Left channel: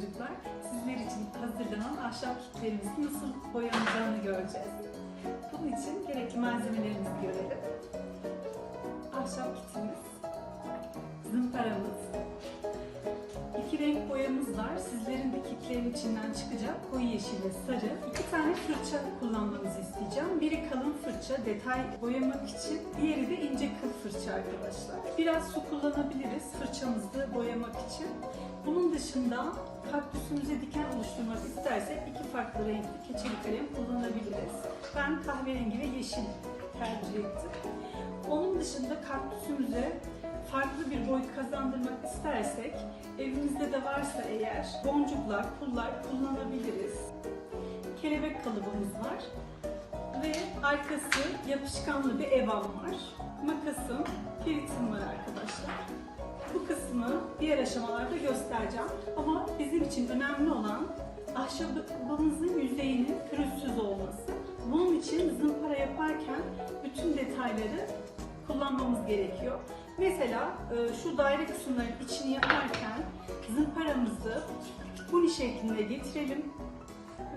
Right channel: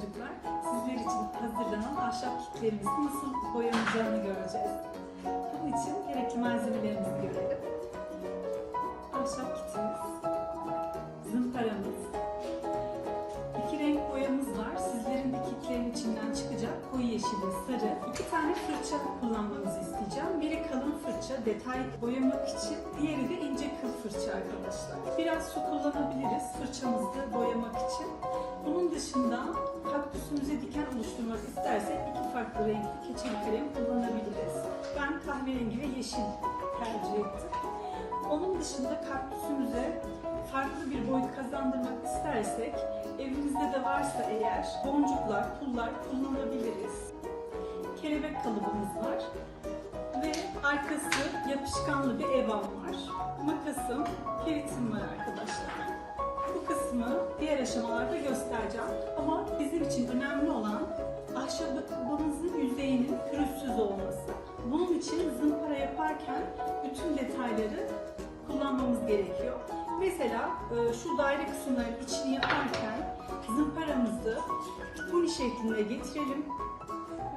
çocuklar. Sizler için hazırlanan ahşap kitlerimizin nasıl boyanacağını göreceğiz. Bunun için gerekli malzemelerimizi görelim. Ahşap kitimiz, zımparamız, iki renk boyamız var. Sizlerin de kitlerin içinden çıkacak koyu yeşil ve sarı. İki tane fırça kullanmanızı isteyeceğim. Biri kalın fırça, detay boyamak için. Diğeri de ince kıl fırça arkadaşlar. Biraz su kullanabiliriz fırçamızı boyamak için. Bunun dışında kaktüsümüze diken oluşturmak istersek iki farklı renkli keçeli kalem kullanabiliriz. Ben kahverengi ve yeşil tercih ettim. Onun dışında kaktüsümüze farklı bir boyut kazandırmak istersek evimizde de varsa eğer boncuklar, pullar kullanabiliriz. Kelebek kalıbımız var ve arkası yapışkanlı bir evam var. Makasım, keritim var arkadaşlar. Bu kısmı diğer aşamalarda göstereceğim. İçin önemli olan ahşabımızın yüzeyinin pürüzsüz olması. Bunun için zımpara yaparken bütün detayları kullanmamız gerekiyor. Mesela e, şu daire kısımların içini yaparken zımparamızı huni şeklinde getirelim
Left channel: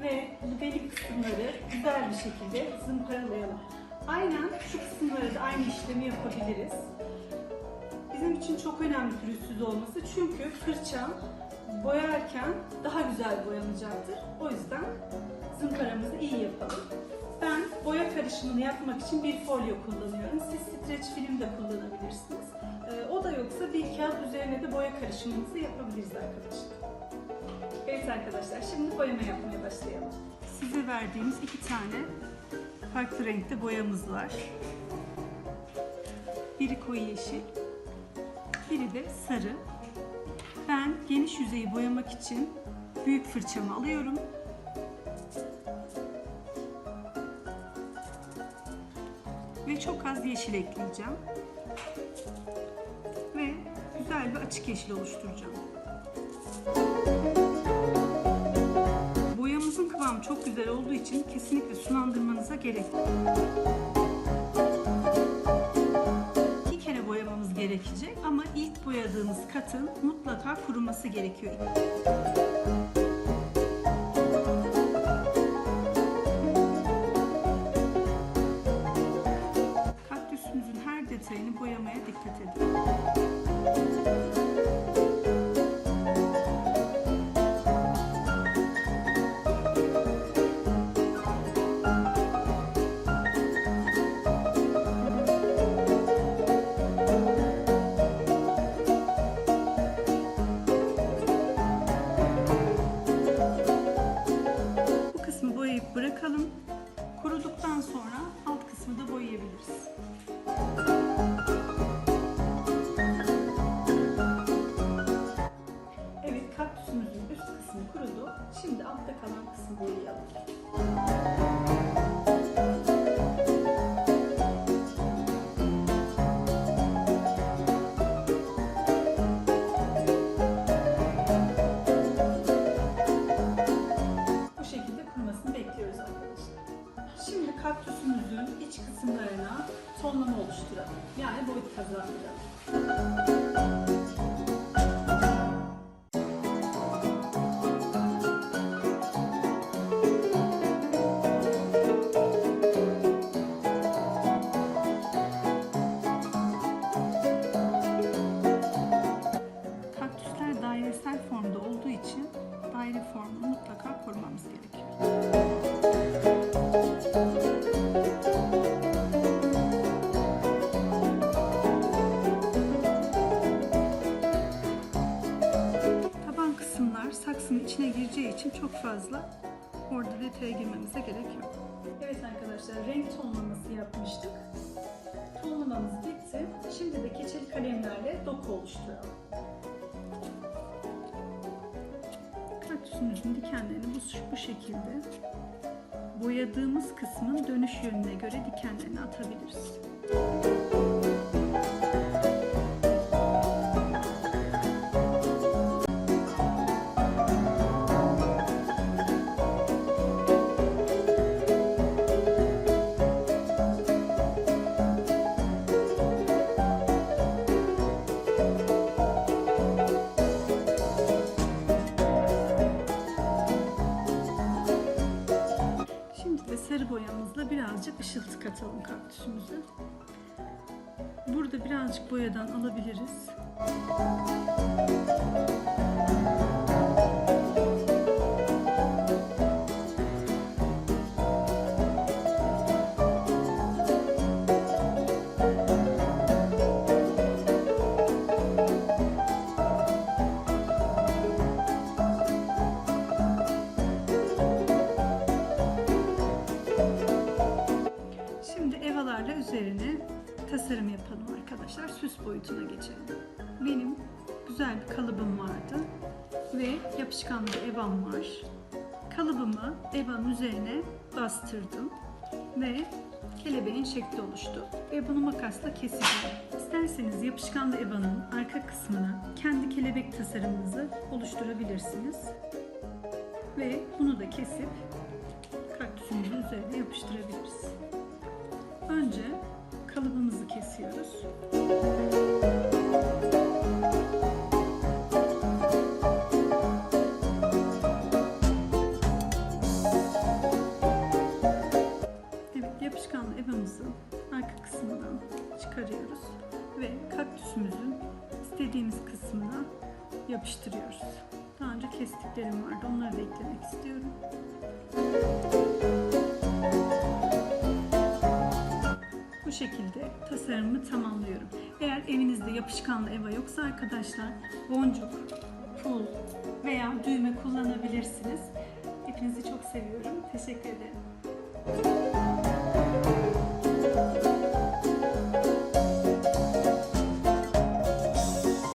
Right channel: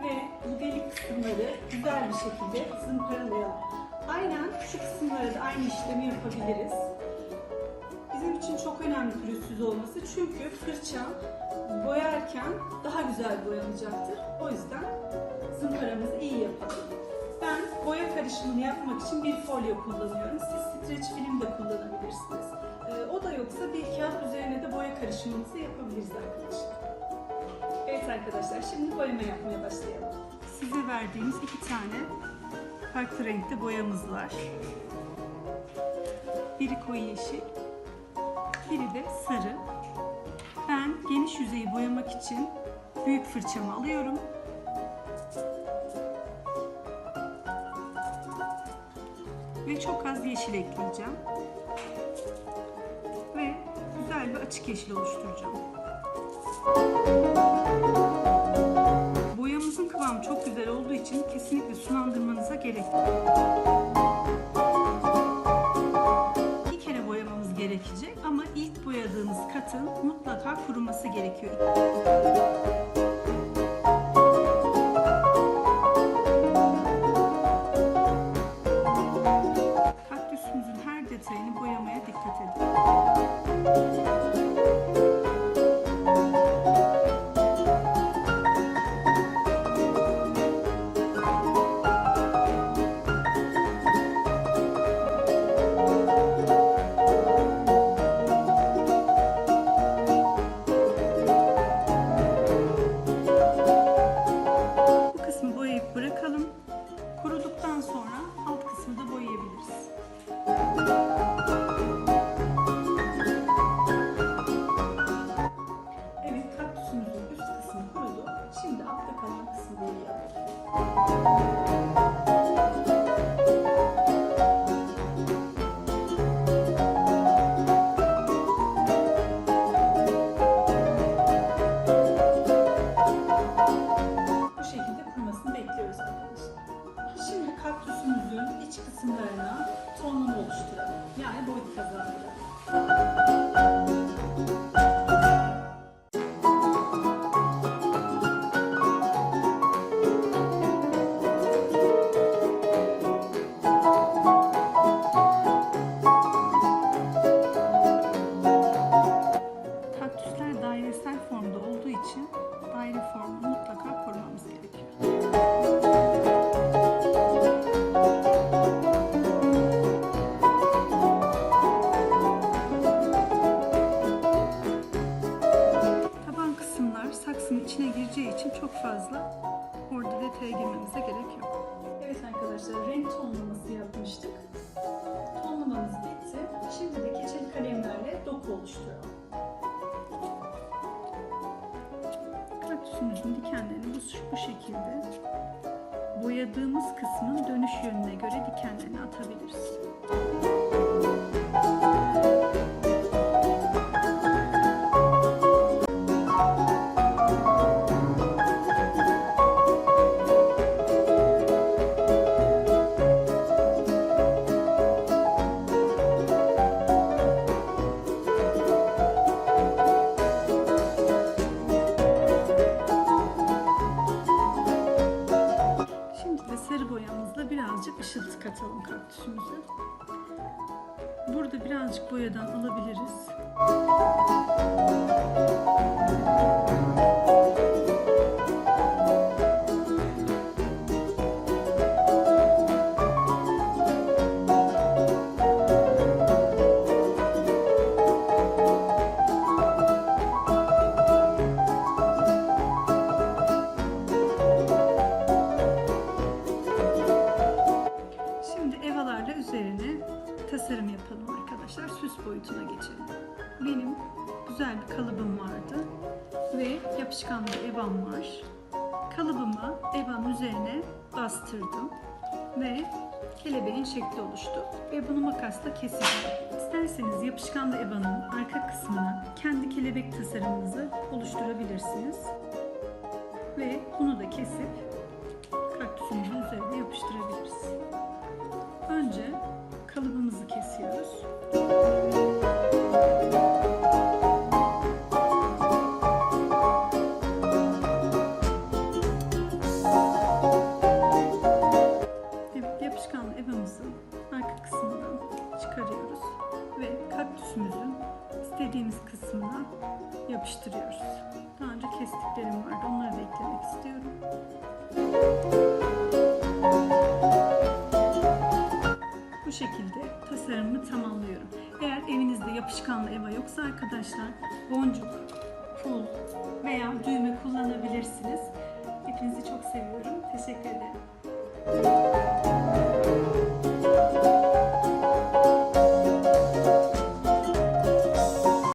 ve bu delik kısımları güzel bir şekilde zımparalayalım. Aynen şu kısımları da aynı işlemi yapabiliriz. Bizim için çok önemli pürüzsüz olması çünkü fırça boyarken daha güzel boyanacaktır. O yüzden zımparamızı iyi yapalım. Ben boya karışımını yapmak için bir folyo kullanıyorum. Siz streç film de kullanabilirsiniz. Ee, o da yoksa bir kağıt üzerine de boya karışımınızı yapabiliriz arkadaşlar. Evet arkadaşlar şimdi boyama yapmaya başlayalım. Size verdiğimiz iki tane farklı renkte boyamız var. Biri koyu yeşil, biri de sarı. Ben geniş yüzeyi boyamak için büyük fırçamı alıyorum. Ve çok az yeşil ekleyeceğim. Ve güzel bir açık yeşil oluşturacağım. Boyamızın kıvamı çok güzel olduğu için kesinlikle sulandırmanıza gerek yok. Gerekecek ama ilk boyadığımız katın mutlaka kuruması gerekiyor. Oluşturalım. Yani boyut kazandıralım. Saksının içine gireceği için çok fazla orada detaya girmemize gerek yok. Evet arkadaşlar renk tonlaması yapmıştık. Tonlamamız bitti. Şimdi de keçeli kalemlerle doku oluşturalım. Kaktüsümüzün dikenlerini bu, bu şekilde boyadığımız kısmın dönüş yönüne göre dikenlerini atabiliriz. Birazcık ışıltı katalım kaktüsümüze. Burada birazcık boyadan alabiliriz. Şimdi tasarım yapalım arkadaşlar. Süs boyutuna geçelim. Benim güzel bir kalıbım vardı ve yapışkan bir evam var. Kalıbımı evanın üzerine bastırdım ve kelebeğin şekli oluştu ve bunu makasla keseceğim. İsterseniz yapışkanlı evanın arka kısmına kendi kelebek tasarımınızı oluşturabilirsiniz. Ve bunu da kesip kaktüsümüzün üzerine yapıştırabiliriz. Önce kalıbımızı kesiyoruz. Evet, yapışkanlı evamızın arka kısmından çıkarıyoruz ve kaktüsümüzün istediğimiz kısmına yapıştırıyoruz. Daha önce kestiklerim vardı, onları Bu şekilde tasarımımı tamamlıyorum. Eğer evinizde yapışkanlı eva yoksa arkadaşlar boncuk, pul veya düğme kullanabilirsiniz. Hepinizi çok seviyorum. Teşekkür ederim.